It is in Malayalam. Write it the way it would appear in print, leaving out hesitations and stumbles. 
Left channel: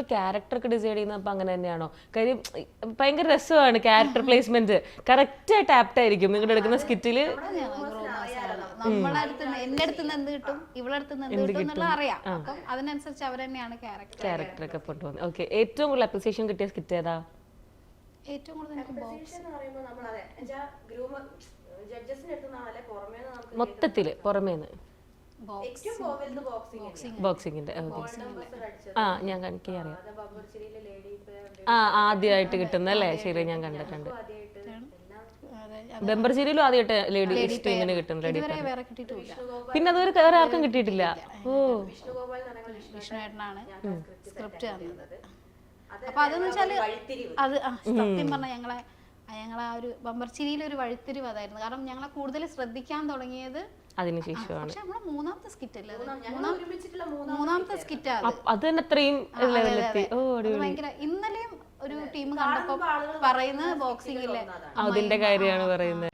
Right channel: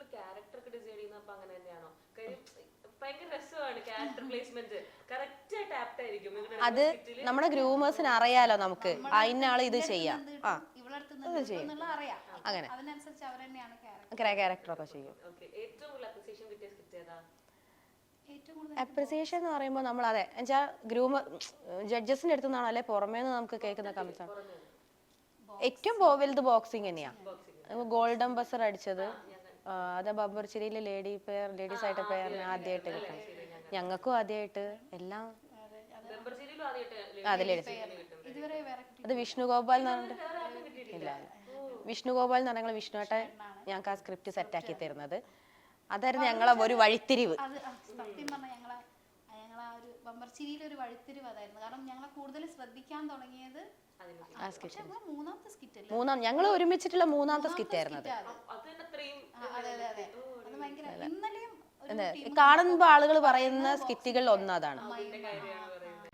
ഉള്ളൂ ക്യാരക്ടർ ഒക്കെ ഡിസൈഡ് ചെയ്യുന്നത് അപ്പൊ അങ്ങനെ തന്നെയാണോ? കാര്യം ഭയങ്കര രസമാണ് ക്യാരക്ടർ പ്ലേസ്മെന്റ്, കറക്റ്റ് ആയിട്ട് ആപ്റ്റ് ആയിരിക്കും നിങ്ങളുടെ എടുക്കുന്ന സ്കിറ്റില്. നമ്മുടെ ഗ്രൂമേഴ്സിന് അറിയാലോ നമുക്ക് അറിയാം, അതിനനുസരിച്ച് അവർ തന്നെയാണ് ക്യാരക്ടറൊക്കെ കൊണ്ടുപോകുന്നത്. ഓക്കെ, ഏറ്റവും കൂടുതൽ അപ്രിസിയേഷൻ കിട്ടിയ സ്കിറ്റ് ഏതാ? ഏറ്റവും കൂടുതൽ അപ്രിസിയേഷൻ എന്ന് പറയുമ്പോൾ നമ്മൾ അതെ ഗ്രൂമർ ജഡ്ജസിന്റെ അടുത്ത് നിന്നാണ് അല്ലെ പുറമേ നമുക്ക് മൊത്തത്തില് പുറമേന്ന് ഏറ്റവും വലുത് ബോക്സിംഗ് തന്നെയാണ്. ബോക്സിംഗിന്റെ ഗോൾഡൻ ബസർ അടിച്ചത് ഞാൻ കാണിക്കാം. അത് ബബ്ബർച്ചിരിയിലെ ലേഡി പെയർ ആദ്യമായിട്ട് കിട്ടുന്നല്ലേ? ശരി, ഞാൻ കണ്ടു. ഞങ്ങൾക്കും ആദ്യമായിട്ട് എല്ലാം ബെമ്പർചേരിയിലും ആദ്യമായിട്ട് ലേഡി ടീമിന് കിട്ടും ലേഡി. ഇത് വിഷ്ണുഗോപാൽ, പിന്നെ അതൊരു വേറെ ആർക്കും കിട്ടിയിട്ടില്ല. വിഷ്ണുഗോപാൽ എന്ന് പറഞ്ഞ വിഷ്ണുട്ടാണ് ഞങ്ങൾക്ക് ആ സ്ക്രിപ്റ്റ് സെറ്റ് ആക്കി തരുന്നത്. അതായിരുന്നു ഞങ്ങളെ ഒരു വഴിത്തിരിവ്. അത് സത്യം പറഞ്ഞാൽ ഞങ്ങളെ ആ ഒരു ബമ്പർച്ചിരിയിലെ ഒരു വഴിത്തിരിവ് അതായിരുന്നു. കാരണം ഞങ്ങളെ കൂടുതൽ ശ്രദ്ധിക്കാൻ തുടങ്ങിയത് അതിനുശേഷമാണ്. പക്ഷെ നമ്മളെ മൂന്നാമത്തെ സ്കിറ്റ് അല്ലേ, ഞങ്ങൾ ഒരുമിച്ചിട്ടുള്ള മൂന്നാമത്തെ സ്കിറ്റ് അത് തന്നെ അത്രയും ലെവലെത്തി. ഓ, ഭയങ്കര. ഇന്നലെയും ഒരു ടീം കാണുമ്പോൾ ആളുകൾ പറയുന്ന സ്കിറ്റുകളിൽ ഒന്നാതാണ്. അതിന്റെ കാര്യമാണ് പറയുന്നത്.